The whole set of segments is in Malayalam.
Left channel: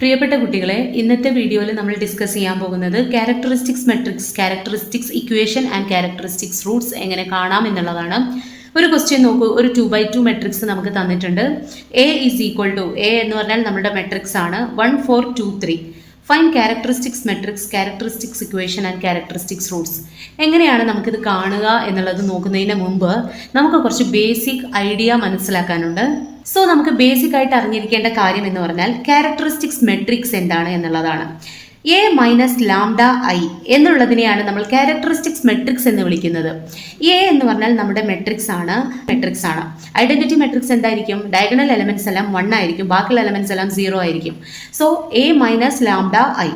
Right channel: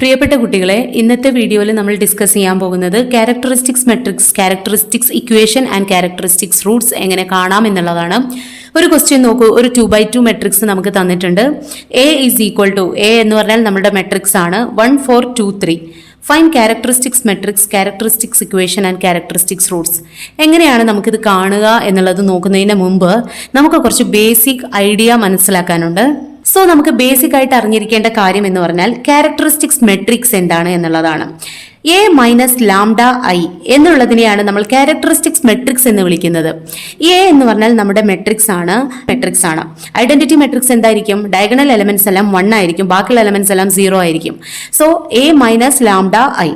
പ്രിയപ്പെട്ട കുട്ടികളെ, ഇന്നത്തെ വീഡിയോയിൽ നമ്മൾ ഡിസ്കസ് ചെയ്യാൻ പോകുന്നത് characteristics matrix, characteristics equation and characteristics Roots എങ്ങനെ കാണാം എന്നുള്ളതാണ്. ഒരു ക്വസ്റ്റ്യൻ നോക്കൂ. ഒരു 2x2 മെട്രിക്സ് നമുക്ക് തന്നിട്ടുണ്ട്. A is equal to, A എന്ന് പറഞ്ഞാൽ നമ്മുടെ മെട്രിക്സ് ആണ്, 1 4 2 3. Find characteristics matrix, characteristics equation and characteristics roots. എങ്ങനെയാണ് നമുക്കിത് കാണുക എന്നുള്ളത് നോക്കുന്നതിന് മുമ്പ് നമുക്ക് കുറച്ച് ബേസിക് ഐഡിയ മനസ്സിലാക്കാനുണ്ട്. സോ നമുക്ക് ബേസിക് ആയിട്ട് അറിഞ്ഞിരിക്കേണ്ട കാര്യം എന്ന് പറഞ്ഞാൽ ക്യാരക്ടറിസ്റ്റിക്സ് മെട്രിക്സ് എന്താണ് എന്നുള്ളതാണ്. എ മൈനസ് ലാംഡ ഐ എന്നുള്ളതിനെയാണ് നമ്മൾ ക്യാരക്ടറിസ്റ്റിക്സ് മെട്രിക്സ് എന്ന് വിളിക്കുന്നത്. എ എന്ന് പറഞ്ഞാൽ നമ്മുടെ മെട്രിക്സ് ആണ്. ഐഡന്റിറ്റി മെട്രിക്സ് എന്തായിരിക്കും? ഡയഗണൽ എലമെന്റ്സ് എല്ലാം 1 ആയിരിക്കും, ബാക്കിയുള്ള എലമെന്റ്സ് എല്ലാം 0 ആയിരിക്കും. So A minus lambda I.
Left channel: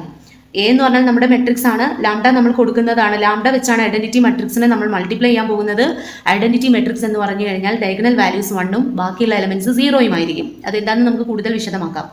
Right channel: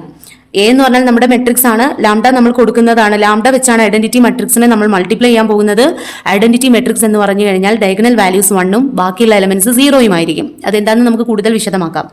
A എന്ന് പറഞ്ഞാൽ നമ്മുടെ മെട്രിക്സ് ആണ്, ലാംഡ നമ്മൾ കൊടുക്കുന്നതാണ്. ലാംഡ വെച്ചാണ് ഐഡന്റിറ്റി മെട്രിക്സിനെ നമ്മൾ മൾട്ടിപ്ലൈ ചെയ്യാൻ പോകുന്നത്. ഐഡന്റിറ്റി മെട്രിക്സ് എന്ന് പറഞ്ഞു കഴിഞ്ഞാൽ ഡയഗണൽ വാല്യൂസ് 1ഉം ബാക്കിയുള്ള എലമെന്റ്സ് 0ഉം ആയിരിക്കും. അതെന്താണെന്ന് നമുക്ക് കൂടുതൽ വിശദമാക്കാം.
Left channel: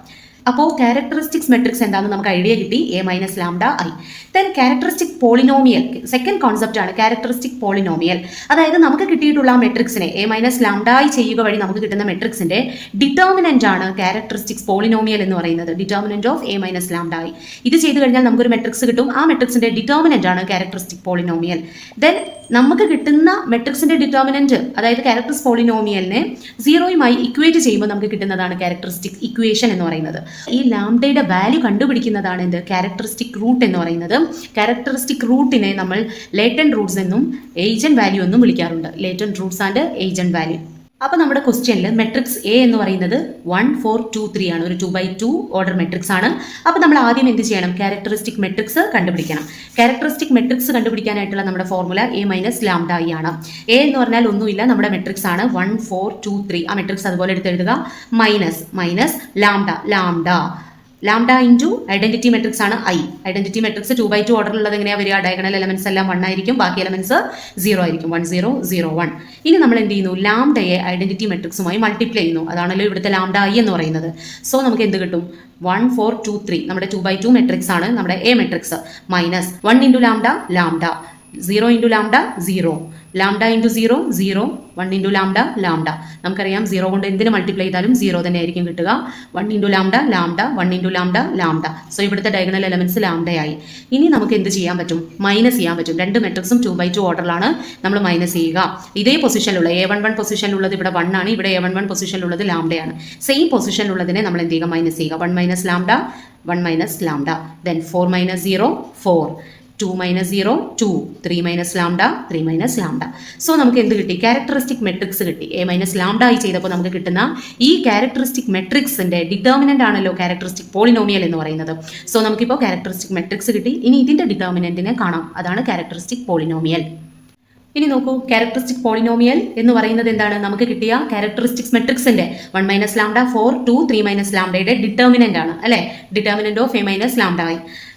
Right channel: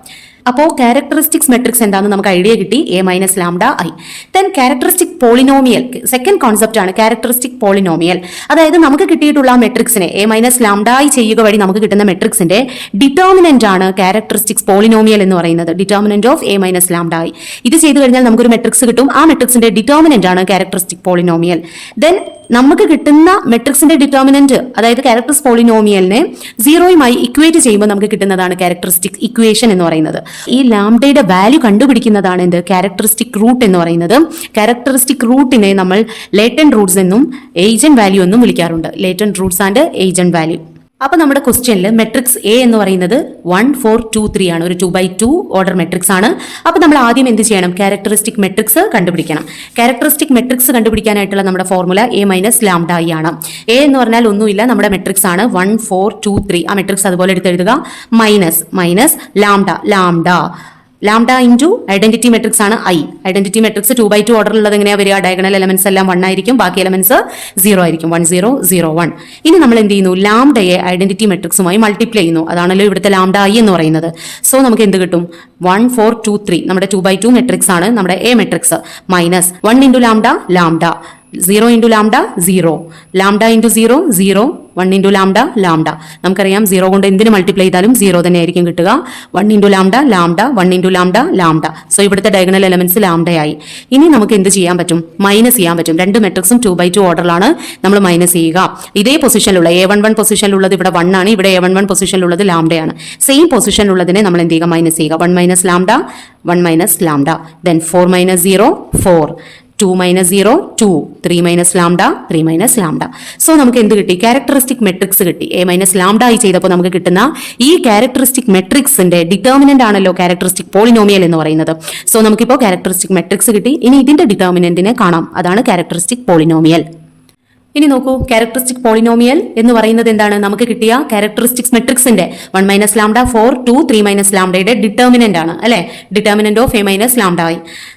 അപ്പോൾ ക്യാരക്ടറിസ്റ്റിക്സ് മെട്രിക്സ് എന്താണെന്ന് നമുക്ക് ഐഡിയ കിട്ടി, A minus lambda I. Then characteristic polynomial, second concept ആണ് ക്യാരക്ടറിസ്റ്റിക് പോളിനോമിയൽ. അതായത് നമുക്ക് കിട്ടിയിട്ടുള്ള മെട്രിക്സിനെ എ മൈനസ് ലാംഡ ഐ ചെയ്യുക വഴി നമുക്ക് കിട്ടുന്ന മെട്രിക്സിന്റെ ഡിറ്റർമിനന്റ് ആണ് ക്യാരക്ടറിസ്റ്റിക്സ് പോളിനോമിയൽ എന്ന് പറയുന്നത്. Determinant of A minus lambda I. ഇത് ചെയ്തു കഴിഞ്ഞാൽ നമുക്കൊരു മെട്രിക്സ് കിട്ടും. ആ മെട്രിക്സിന്റെ ഡിറ്റർമിനന്റ് ആണ് ക്യാരക്ടറിസ്റ്റിക് പോളിനോമിയൽ. ദെൻ നമുക്ക് കിട്ടുന്ന മെട്രിക്സിന്റെ ഡിറ്റർമിനന്റ്, അതായത് ക്യാരക്ടറിസ് പോളിനോമിയലിനെ 0യുമായി ഇക്വേറ്റ് ചെയ്യുമ്പോൾ നമുക്ക് കിട്ടുന്നതാണ് ക്യാരക്ടറിസ്റ്റിക് ഇക്വേഷൻ എന്ന് പറയുന്നത്. ഈ ലാംഡയുടെ വാല്യൂ കണ്ടുപിടിക്കുന്നതാണ് എന്ത്? ക്യാരക്ടറിസ്റ്റിക് റൂട്ട് എന്ന് പറയുന്നത്. ക്യാരക്ടറിസ്റ്റിക് റൂട്ടിനെ നമ്മൾ ലേറ്റന്റ് റൂട്ട്സ് എന്നും ഏജന്റ് വാല്യൂ എന്നും വിളിക്കാറുണ്ട്. Latent Roots and agent value. അപ്പൊ നമ്മുടെ ക്വസ്റ്റ്യനിൽ മെട്രിക്സ് എ എന്ന് പറയുന്നത് 1 4 2 3 ആണ്. ഒരു 2x2 ഓർഡർ മെട്രിക്സ് ആണ്. അപ്പൊ നമ്മൾ ആദ്യം എന്ത് ചെയ്യണം? ക്യാരക്ടറിസ്റ്റിക് മെട്രിക്സ് കണ്ടുപിടിക്കണം. ക്യാരക്ടറിസ്റ്റിക് മെട്രിക്സ് കണ്ടുപിടിക്കാനായിട്ടുള്ള നമ്മുടെ formula A minus lambda I ആണ്. എ എന്ന് പറഞ്ഞാൽ ഒന്നുമില്ല, നമ്മുടെ മെട്രിക്സ് ആണ് 1 4 2 3. ആ മെട്രിക്സ് അതുപോലെ എടുത്തെഴുതുക. Minus lambda into identity matrix ആണ് ഐ. ഐഡന്റിറ്റി മെട്രിക്സ് 2x2 ഓർഡറിലുള്ളത് എങ്ങനെയാ വരിക? ഡയഗണൽ എലമെന്റ്സ് എല്ലാം 1 ആയിരിക്കും, ബാക്കി എലമെന്റ്സ് 0 ആയിരിക്കും. 1 0 0 1. ഇനി നമ്മൾ എന്ത് ചെയ്യുന്നു? ലാംഡയെ ഐഡന്റിറ്റി മെട്രിക്സുമായി മൾട്ടിപ്ലൈ ചെയ്യുന്നു. അതാണല്ലോ ഇവിടുത്തെ ലാംഡ ഐ എന്ന് പറയുന്നത്. സോ നമുക്ക് എന്ത് കിട്ടും? 1 4 2 3 നമ്മുടെ 2x2 മെട്രിക്സ് ആണ്, നമ്മുടെ A matrix. Minus 1 into lambda 0 into lambda 0, lambda into 0 0, 1 into lambda നമുക്കറിയാം 0 കൊണ്ട് എന്തിന് മൾട്ടിപ്ലൈ ചെയ്താലും 0 തന്നെ ആയിരിക്കും കിട്ടുക. 1 into lambda 1 into lambda. So ഇവിടുത്തെ ഡയഗണൽ എലമെന്റ്സ് ലാംഡയായി. ഇനി നമുക്ക് എന്ത് ചെയ്യാൻ പറ്റും? മൈനസ് ചെയ്യാൻ പറ്റും. രണ്ട് മെട്രിക്സും 2x2 ഓർഡറിലാണ്, നമ്മൾ മൈനസ് ചെയ്യുക. ഇതേ പൊസിഷനിലുള്ള A11 പൊസിഷനിലുള്ളത് ഇവിടെ 1 ആണ്, ഇവിടെ A11 പൊസിഷനിലുള്ളത് ലാംഡയാണ്. സെയിം പൊസിഷനിലുള്ളതിനെ നമ്മൾ എന്ത് ചെയ്യുക? മൈനസ് ചെയ്യുക. 1 minus lambda, then 4 minus 0 4, 2 minus 0 2, 3 minus lambda. So നമുക്ക് എന്ത് കിട്ടി? ക്യാരക്ടറിസ്റ്റിക് മെട്രിക്സ് കിട്ടി. എ മൈനസ് ലാംഡ ആയി ചെയ്തപ്പോൾ നമുക്ക് കിട്ടുന്ന ഈ ക്യാരക്ടറിസ്റ്റിക് മെട്രിക്സിന്റെ ഡിറ്റർമിനന്റ് ആണല്ലോ ക്യാരക്ടറിസ്റ്റിക് പോളിനോമിയൽ എന്ന് പറയുന്നത്. സോ നമുക്കിപ്പോൾ ക്യാരക്ടറിസ്റ്റിക് മെട്രിക്സ് കിട്ടി. ഇനി ഇതിന്റെ ഡിറ്റർമിനന്റിനെ കാണാം. അതാണ് ക്യാരക്ടറിസ്റ്റിക് പോളിനോമിയൽ. ഇനി നോക്കൂ, ക്യാരക്ടറിസ്റ്റിക് പോളിനോമിയൽ എന്ന് പറയുന്നത് എന്താണ്? നമുക്ക് കിട്ടിയ ക്യാരക്ടറിസ്റ്റിക്സ് മെട്രിക്സിന്റെ 1 മൈനസ് ലാംഡ 4 2 3 മൈനസ് ലാംഡയുടെ ഡിറ്റർമിനന്റ് ആണ്, അല്ലെ? Determinant of A minus lambda I.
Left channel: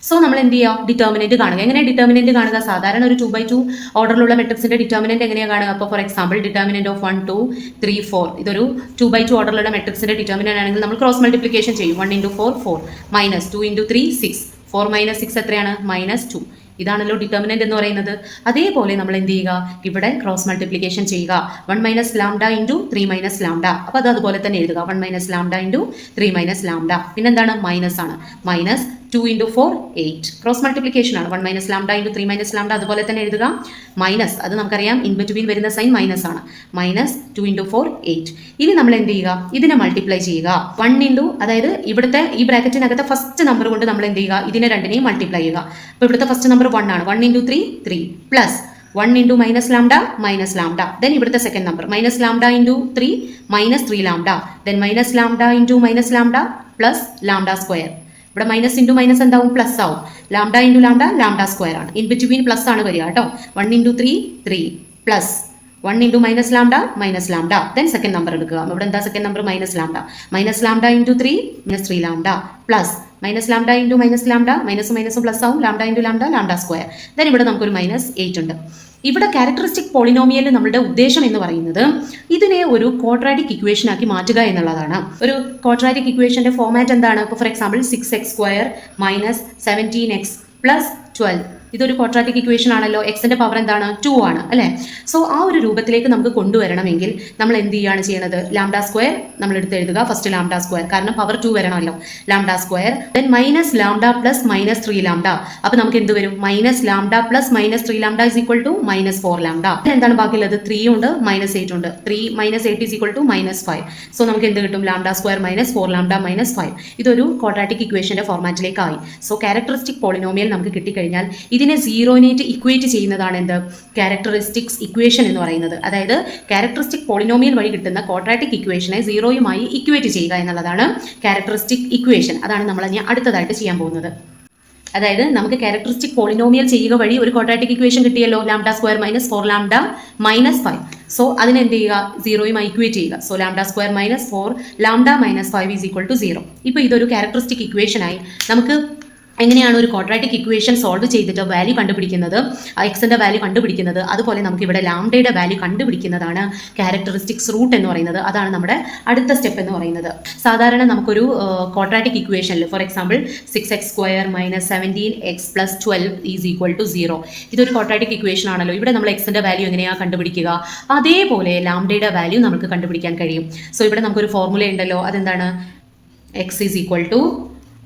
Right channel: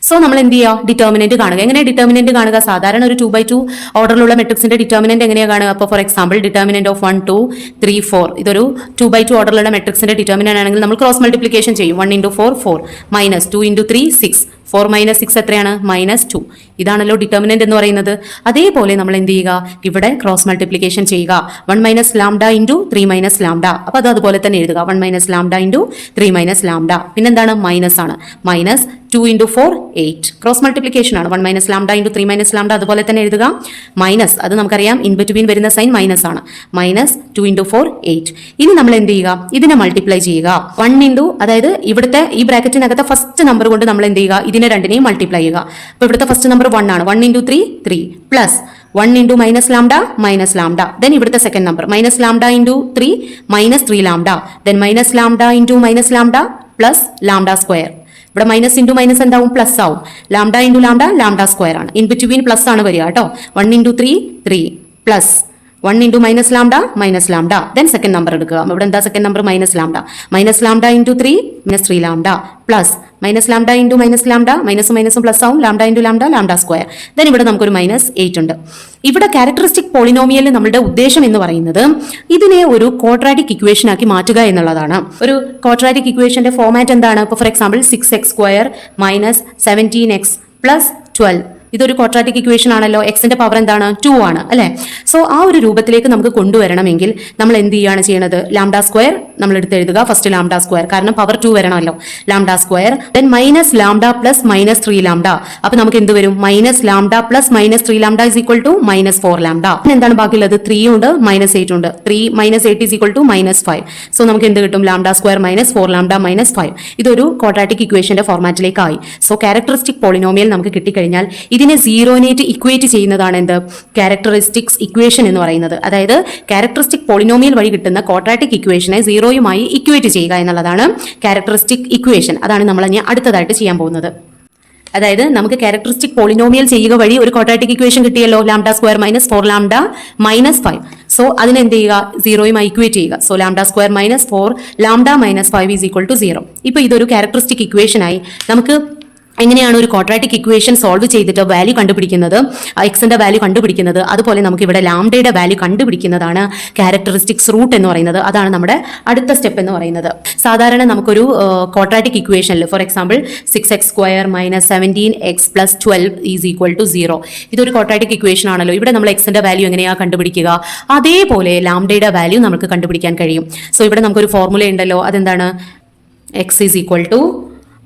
So നമ്മൾ എന്ത് ചെയ്യുക? ഡിറ്റർമിനന്റ് കാണുക. എങ്ങനെ ഡിറ്റർമിനന്റ് കാണുക? സാധാരണ ഒരു 2x2 ഓർഡറിലുള്ള മെട്രിക്സിന്റെ ഡിറ്റർമിനന്റ് എങ്ങനെയാണ് കാണുക? അപ്പോൾ ഫോർ എക്സാമ്പിൾ ഡിറ്റർമിനന്റ് ഓഫ് 1 2 3 4, ഇതൊരു 2x2 ഓർഡറിലുള്ള മെട്രിക്സിന്റെ ഡിറ്റർമിനന്റ് ആണെങ്കിൽ നമ്മൾ ക്രോസ് മൾട്ടിപ്ലിക്കേഷൻ ചെയ്യും. 1 ഇൻറ്റു 4 4, മൈനസ് 2 ഇൻറ്റു 3 6, 4 മൈനസ് 6 എത്രയാണ്? -2. ഇതാണല്ലോ ഡിറ്റർമിനന്റ് എന്ന് പറയുന്നത്. അതേപോലെ നമ്മൾ എന്ത് ചെയ്യുക? ഇവിടെ ക്രോസ് മൾട്ടിപ്ലിക്കേഷൻ ചെയ്യുക. 1 minus lambda into 3 minus lambda. അപ്പൊ അത് അതുപോലെ തന്നെ എഴുതുക. 1 minus lambda into 3 minus lambda. പിന്നെന്താണ്? മൈനസ് ആണ്. Minus 2 into 4 8. ക്രോസ് മൾട്ടിപ്ലിക്കേഷൻ ആണ്. 1 minus lambda into 3 minus lambda അതുപോലെ തന്നെ എഴുതുക. മൈനസ്, അത് നമുക്കറിയാം, ഇൻ ബിറ്റ്വീൻ വരുന്ന സൈൻ മൈനസ് ആണ്. Minus 2 into 4 8. ഇനി നമ്മൾ എന്ത് ചെയ്യുക? ഇതിനെ മൾട്ടിപ്ലൈ ചെയ്യുക. 1 ഇൻറ്റു, അതായത് ഇവിടുത്തെ ഈ ബ്രാക്കറ്റിനകത്തെ ഫസ്റ്റ് നമ്പർ കൊണ്ട് നമ്മൾ എന്ത് ചെയ്യുക? ഇതിനെ രണ്ടിനെയും മൾട്ടിപ്ലൈ ചെയ്യുക. അപ്പൊ ഇവിടുത്തെ ഫസ്റ്റ് നമ്പർ 1 ആണ്. 1 into 3 3, plus 1 into minus lambda. Then ഇവിടുത്തെ second number minus lambda into 3 minus 3 lambda. Then minus lambda into minus lambda plus lambda square. ഇവിടെ മൈനസ് ഇൻറ്റു മൈനസ് എന്താവും? പ്ലസ് ആവും. ലാംഡ ഇൻറ്റു ലാംഡ സ്ക്വയർ ആണ്. ഇൻ ബിറ്റ്വീൻ പ്ലസ് ആണ് വരിക കേട്ടോ. 1 into 3 3, plus 1 into minus lambda. Then second number എടുക്കുക. ഇവിടെ എന്താ second number? Minus lambda into 3 minus 3 lambda, plus minus lambda into minus lambda, മൈനസും പ്ലസ് ആവും. Lambda into lambda square. Then ഇവിടെ നമുക്കൊരു മൈനസ് 8 ഉണ്ട്. ഇവിടെ ക്യാരക്ടറിസ്റ്റിക് പോളിനോമിയലിൽ നമ്മുടെ ഉദ്ദേശം എന്ന് പറയുന്നത് ഇതിനെ ഒരു ക്വാഡ്രാറ്റിക് ഇക്വേഷൻ ആക്കി മാറ്റുക എന്നുള്ളതാണ്. ഒരു ക്വാഡ്രാറ്റിക് ഇക്വേഷന്റെ ഫോർമാറ്റ് എന്താണ്? ഇപ്പോൾ for example 6x² minus 17x plus 12 ഇതൊരു ക്വാഡ്രാറ്റിക് ഇക്വേഷൻ ആണല്ലോ, എക്സിന്റെ പവർ എന്താണ് 2 ആണ് അല്ലെ. സോ ആ ഒരു രൂപത്തിലേക്ക് നമുക്ക് കൊണ്ടുവരണമെങ്കിൽ നമ്മൾ എന്ത് ചെയ്യുകയാണ് ചെയ്യുന്നത്, ലാംഡ സ്ക്വയർ നമ്മൾ എടുത്ത് എഴുതുക. ഫസ്റ്റ് ലാംഡ സ്ക്വയർ, കാരണം പവർ 2 വരണമല്ലോ. Lambda square then minus lambda plus minus 3 lambda. അപ്പൊ നമുക്ക് എന്ത് വരും, minus lambda plus minus 3 lambda is equal to minus 4 lambda. എന്താണ് ബാക്കിയുള്ളത്, 3 ഉണ്ട് മൈനസ് 8 ഉണ്ട്. 3 minus 8 is equal to minus 5. So നമുക്ക് എന്ത് കിട്ടും, lambda square minus 4 lambda minus 5. ഇതൊരു ക്വാഡ്രാറ്റിക് ഇക്വേഷന്റെ ഫോർമാറ്റിലേക്കായി. സോ ക്യാരക്ടറിസ്റ്റിക് പോളിനോമിയൽ നമുക്ക് കിട്ടിക്കഴിഞ്ഞാൽ ഇതിനെ സീറോനായിട്ട് ഇക്വേറ്റ് ചെയ്യുന്നതാണ് എന്ത്, ക്യാരക്ടറിസ്റ്റിക്സ് ഇക്വേഷൻ എന്ന് പറയുന്നത്. അതായത് ക്യാരക്ടറിസ്റ്റിക് പോളിനോമിയൽ വഴി കിട്ടുന്ന ക്വാഡ്രാറ്റിക് ഇക്വേഷനെ സീറോയുമായി ഇക്വേറ്റ് ചെയ്യുക എന്നുള്ളതാണ് ക്യാരക്ടറിസ്റ്റിക് ഇക്വേഷൻ. അതാണ് നമ്മൾ ഇനി അടുത്തതായിട്ട് ചെയ്യാൻ പോകുന്നത്. അതായത് നമുക്ക് ക്യാരക്ടറിസ്റ്റിക് പോളിനോമിയൽ ചെയ്യുക വഴി ഒരു ക്വാഡ്രാറ്റിക് ഇക്വേഷൻ കിട്ടിയല്ലോ, lambda square minus 4 lambda minus 5. So അതിനെന്ത് ചെയ്യുക, സീറോയുമായി ഇക്വേറ്റ് ചെയ്യുക. So lambda square minus 4 lambda minus 5 is equal to 0. ഇപ്പൊ ഇതൊരു ക്യാരക്ടറിസ്റ്റിക് ഇക്വേഷനായി. നമുക്ക് എങ്ങനെയാണ് ഒരു ക്വാഡ്രാറ്റിക് ഇക്വേഷൻ സോൾവ് ചെയ്തിട്ട് വാല്യൂ കണ്ടുപിടിക്കുന്നത്, എക്സിന്റെ വാല്യൂ കണ്ടുപിടിക്കുന്നത്, അതുപോലെ നമുക്ക് ഇവിടെ ലാംഡയുടെ വാല്യൂ കണ്ടുപിടിക്കുന്നതാണ് ക്യാരക്ടറിസ്റ്റിക്സ് റൂട്ട് എന്ന് പറയുന്നത്. അതാണ് നമ്മുടെ അടുത്ത സ്റ്റെപ്പ് എന്ന് പറയുന്നത്. സാധാരണ നമുക്കൊരു ക്വാഡ്രാറ്റിക് ഇക്വേഷനിൽ for example 6x square minus 17x plus 12 is equal to 0. ഇതൊരു ക്വാഡ്രാറ്റിക് ഇക്വേഷൻ ആണല്ലോ. ഇവിടെ നമ്മൾ എക്സിന്റെ വാല്യൂ എങ്ങനെയാണ് കണ്ടുപിടിക്കുക, അതേപോലെ ലാംഡയുടെ വാല്യൂ നമുക്ക് കണ്ടുപിടിക്കാൻ കഴിയും. സോ ഇവിടെ നമുക്കൊരു ഫോർമുല ഉണ്ടല്ലോ, അതെന്താണ്, x is equal to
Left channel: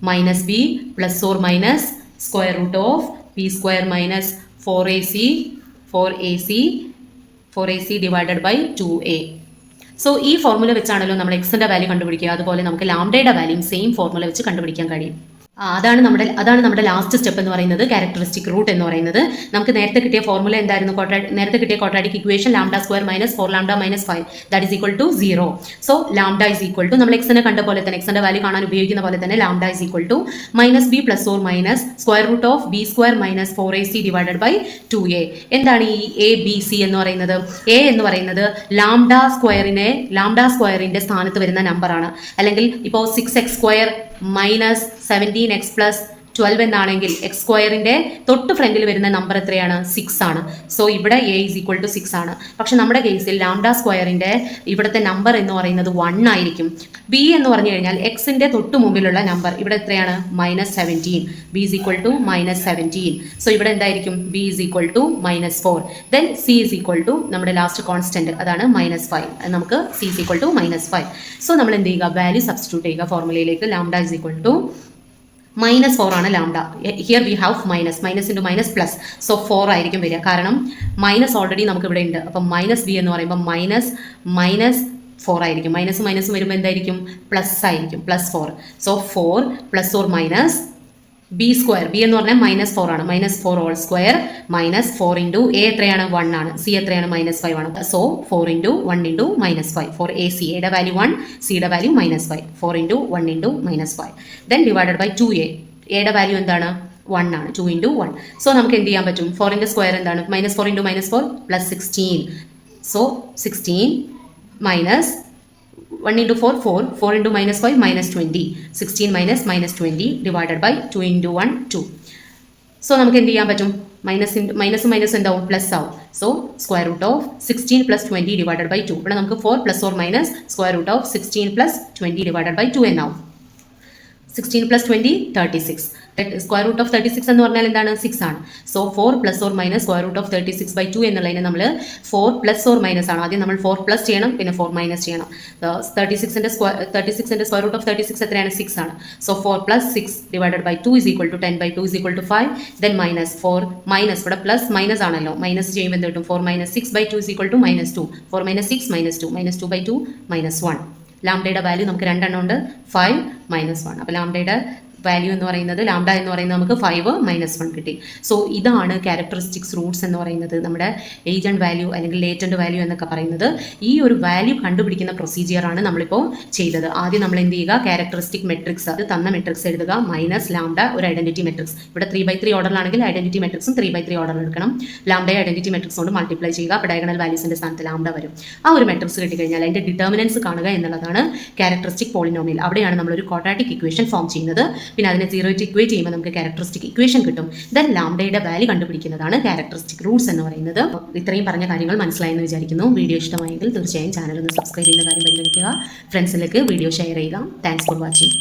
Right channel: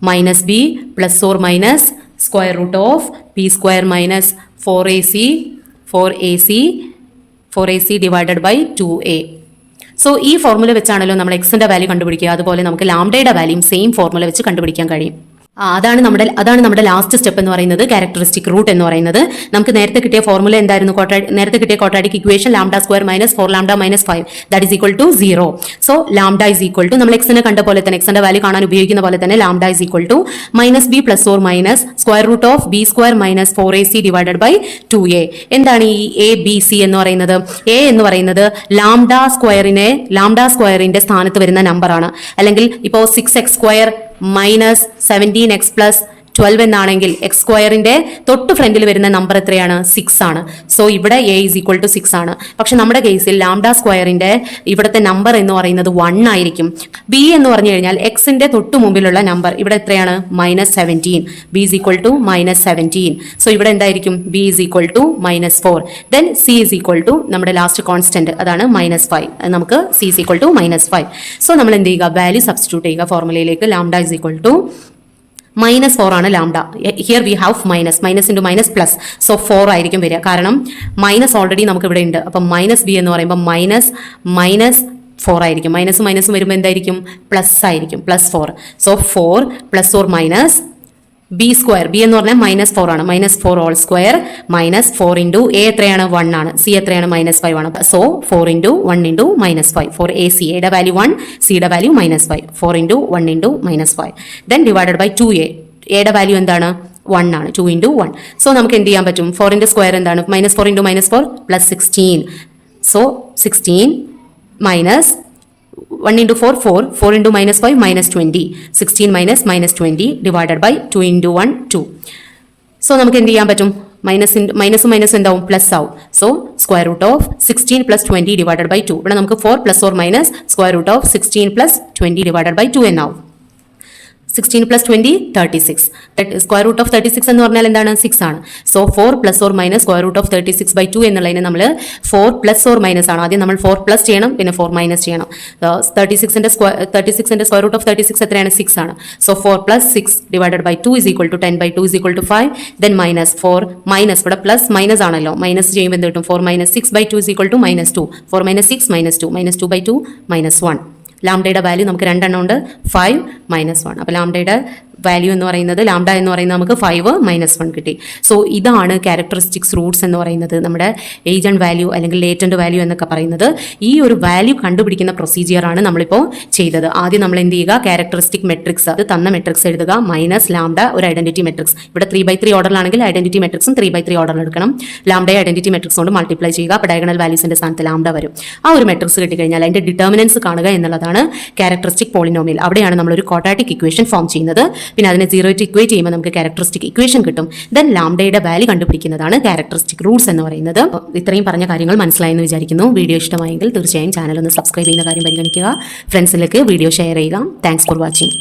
minus b plus or minus square root of b square minus 4ac divided by 2a. So ഈ ഫോർമുല വെച്ചാണല്ലോ നമ്മൾ എക്സിന്റെ വാല്യൂ കണ്ടുപിടിക്കുക. അതുപോലെ നമുക്ക് ലാംഡയുടെ വാല്യൂം സെയിം ഫോർമുല വെച്ച് കണ്ടുപിടിക്കാൻ കഴിയും. അതാണ് നമ്മുടെ ലാസ്റ്റ് സ്റ്റെപ്പ് എന്ന് പറയുന്നത്, ക്യാരക്ടറിസ്റ്റിക് റൂട്ട് എന്ന് പറയുന്നത്. നമുക്ക് നേരത്തെ കിട്ടിയ ഫോർമുല എന്തായിരുന്നു, നേരത്തെ കിട്ടിയ quadratic equation lambda square minus 4 lambda minus 5 that is equal to 0. So lambda is equal to നമ്മൾ എക്സിനെ കണ്ട പോലെ തന്നെ, എക്സിന്റെ വാല്യൂ കാണാൻ ഉപയോഗിക്കുന്ന പോലെ തന്നെ lambda is equal to minus B plus or minus square root of B square minus 4ac divided by 2a. എന്താണ് ഈ എ ബി സി എന്ന് പറയുന്നത്, എ എന്ന് പറയുന്നത് ലാംഡ സ്ക്വയറിന്റെ സ്ഥാനത്ത് വരുന്ന നമ്പറാണ്. അല്ലെങ്കിൽ ഇപ്പോൾ 6x square minus 17x plus 12 എന്നാണെങ്കിൽ എക്സ് സ്ക്വയറിന്റെ തൊട്ട് ഫ്രണ്ടിൽ വരുന്ന നമ്പർ എത്രയാണ്, 6 ആണ്. സോ ഇവിടെ a ഈസ് ഈക്വൽ ടു 6 ആണ്. പക്ഷെ നമ്മുടെ കേസിൽ ലാംഡ സ്ക്വയറിന്റെ ഇവിടുത്തെ നമ്പർ എന്ന് പറയുന്നത് 1 ആയിരിക്കും. b എന്ന് പറഞ്ഞു കഴിഞ്ഞാൽ എക്സിന്റെ തൊട്ട് മുമ്പിലുള്ള നമ്പർ ഇവിടെ എത്രയാണ്, minus 17. b is equal to minus 17. So ഇവിടെ എന്തായിരിക്കും, b is equal to minus 4. Then c is equal to നമ്മുടെ ലാസ്റ്റ് കോൺസ്റ്റന്റ്, അതാണ് മൈനസ് 5. നമുക്ക് c is equal to minus 5. So നമ്മൾ എന്ത് ചെയ്യുക, വാല്യൂ സബ്സ്റ്റിറ്റ്യൂട്ട് ചെയ്യുക ഫോർമുലയിലേക്ക്. Lambda is equal to minus 4 ആണ് lambda. Here we have minus into minus plus. So 4 ആയിരിക്കും വരിക, കാരണം മൈനസ് ഓൾറെഡി നമുക്ക് ഇവിടെ ഉണ്ട്. അപ്പം മൈനസ് ബി എന്ന് പറയുമ്പോൾ മൈനസ് 4 ആയിരിക്കും. മൈനസ് വരുമ്പോൾ എന്തായിരിക്കും, പ്ലസ് ആയിരിക്കും, plus 4. So 4 plus or minus B square, B എന്ന് പറഞ്ഞാൽ മൈനസ് 4 ആണ്. Minus 4 whole square minus 4 into A എത്രയാണ്, 1 ആണ്. സി എത്രയാണ്, മൈനസ് 5 ആണ്. So 4 into 1 into minus 5 four A C. എയുടെ വാല്യൂ 1, സിയുടെ value minus 5. 4 into 1 into minus 5 then divided by 2a. എയുടെ വാല്യൂ എന്താണ്, 1 ആണ്. 2 ഇൻറ്റു 1. സോ നമുക്ക് എന്ത് ചെയ്യാൻ പറ്റും, 4ന്റെ സ്ക്വയർ എന്താണ്, minus 4 into minus 4 plus 16. So 16 minus 1 into 4 into minus 5 minus 20. 16 minus 20 divided by 2 into 1 2. So നമുക്ക് എന്ത് ചെയ്യാൻ പറ്റും, മൈനസ് എന്താവും, പ്ലസ് ആവും. So square root of 16 plus 20 divided by 2. ഇവിടെ നമുക്ക് 4 plus or minus square root of 16 plus 20 divided by 2 എന്നാവും. 16 plus 20 36. സ്ക്വയർ റൂട്ട് ഓഫ് 36 എന്ന് പറഞ്ഞാൽ എന്താണ്, 6 ആണ്. So 4 plus or minus square root of 36 by 2 എന്നുള്ളതിന് നമ്മൾ 4 പ്ലസ് ഓർ മൈനസ് ആണ്. ആദ്യം നമ്മൾ 4 പ്ലസ് ചെയ്യണം, പിന്നെ 4 മൈനസ് ചെയ്യണം. 36ന്റെ സ്ക്വയർ റൂട്ട് ഓഫ് 36 എത്രയാണ്, 6 ആണ്. So 4 plus 6 divided by 2 is equal to 10 by 2 is equal to 5. Then minus 4 minus, ഇവിടെ പ്ലസ് മൈനസ് ആണല്ലോ, മൈനസ് ചെയ്യുമ്പോൾ എന്ത് കിട്ടും, 4 minus 6 by 2 is equal to minus 2. 4 minus 6 minus 2, minus 2 by 2 minus 1. ലാംഡയുടെ വാല്യൂ നമുക്ക് 2 എണ്ണം ഉണ്ട്, 5 മൈനസ് 1. അപ്പോൾ ലാംഡയുടെ വാല്യൂ എന്ന് പറയുന്നത്, ലാംഡ എന്ന് പറയുന്നത് നമുക്ക് 5 മൈനസ് 1 കിട്ടി. സോ ഇതാണ് ക്യാരക്ടറിസ്റ്റിക്സ് റൂട്ട്സ് എന്ന് പറയുന്നത്, നമ്മുടെ ഏജന്റ് വാല്യൂ അല്ലെങ്കിൽ ലേറ്റന്റ് വാല്യൂ എന്നൊക്കെ പറയുന്നത്. ഈ ഒരു വാല്യൂ കണ്ടുപിടിക്കുന്ന പ്രൊസീജിയറാണ് നമ്മളിപ്പോൾ ചെയ്തത്. ആദ്യം നമ്മൾ എന്ത് ചെയ്യുക, ക്യാരക്ടറിസ്റ്റിക് മെട്രിക്സ്, അത് തന്ന മെട്രിക്സ് എഴുതുക, മൈനസ് ലാംഡ ഒരു ഐഡന്റിറ്റി മെട്രിക്സ്. ഇവിടെ 3/3 ഓർഡറിലാണെങ്കിൽ ഐഡന്റിറ്റി മെട്രിക്സും 3/3 ഓർഡറിൽ എടുക്കണം. ലാംഡയെ ഐഡന്റിറ്റി മെട്രിക്സ് കൊണ്ട് മൾട്ടിപ്ലൈ ചെയ്യുക, അപ്പോൾ ഡയഗണൽ വാല്യൂസിന്റെ സ്ഥാനത്ത് ലാംഡ വരും. ആ ഒരു മെട്രിക്സ് കിട്ടിക്കഴിഞ്ഞാൽ അതിന്റെ ഡിറ്റർമിനൻസ് കാണുക എന്നുള്ളതാണ് ക്യാരക്ടറിസ്റ്റിക് പോളിനോമിയൽ. അവിടെയാണ് നമ്മളൊരു ക്വാഡ്രാറ്റിക് ഇക്വേഷൻ ഫോം ചെയ്യുന്നത്. പിന്നെ അതിനെ 0 ആയിട്ട് ഇക്വേറ്റ് ചെയ്യുമ്പോൾ നമുക്ക് ക്യാരക്ടറിസ്റ്റിക് ഇക്വേഷൻ കിട്ടും. ദെൻ ലാംഡയുടെ വാല്യൂ കണ്ടുപിടിക്കുന്നതാണ് ക്യാരക്ടറിസ്റ്റിക് റൂട്ട്സ് എന്ന് പറയുന്നത്. ഇത്രയും പറഞ്ഞ കാര്യങ്ങൾ മനസ്സിലായെന്ന് വിചാരിക്കുന്നു. വീഡിയോ ഇഷ്ടമായെങ്കിൽ തീർച്ചയായും ചാനൽ ഒന്ന് സബ്സ്ക്രൈബ് ചെയ്യുന്ന കാര്യം പരിഗണിക്കുക. ഫ്രണ്ട്സിലേക്ക് വീഡിയോ ഷെയർ ചെയ്യുക. Thanks for watching.